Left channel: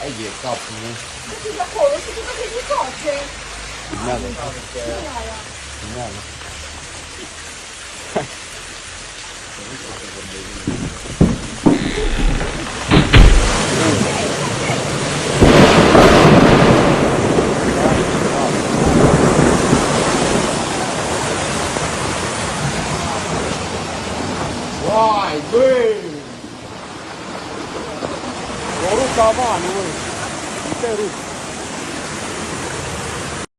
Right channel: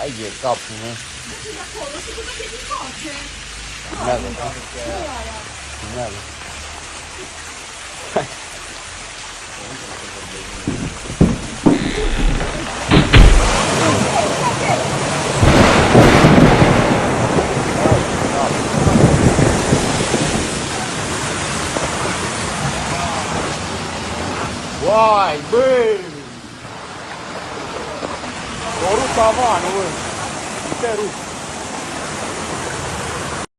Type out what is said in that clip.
Ai, je copo. 这个火了是不是可以多少圈？对呀。Rồi, bê. Ủa, sao nó làm luôn? Chơi đi.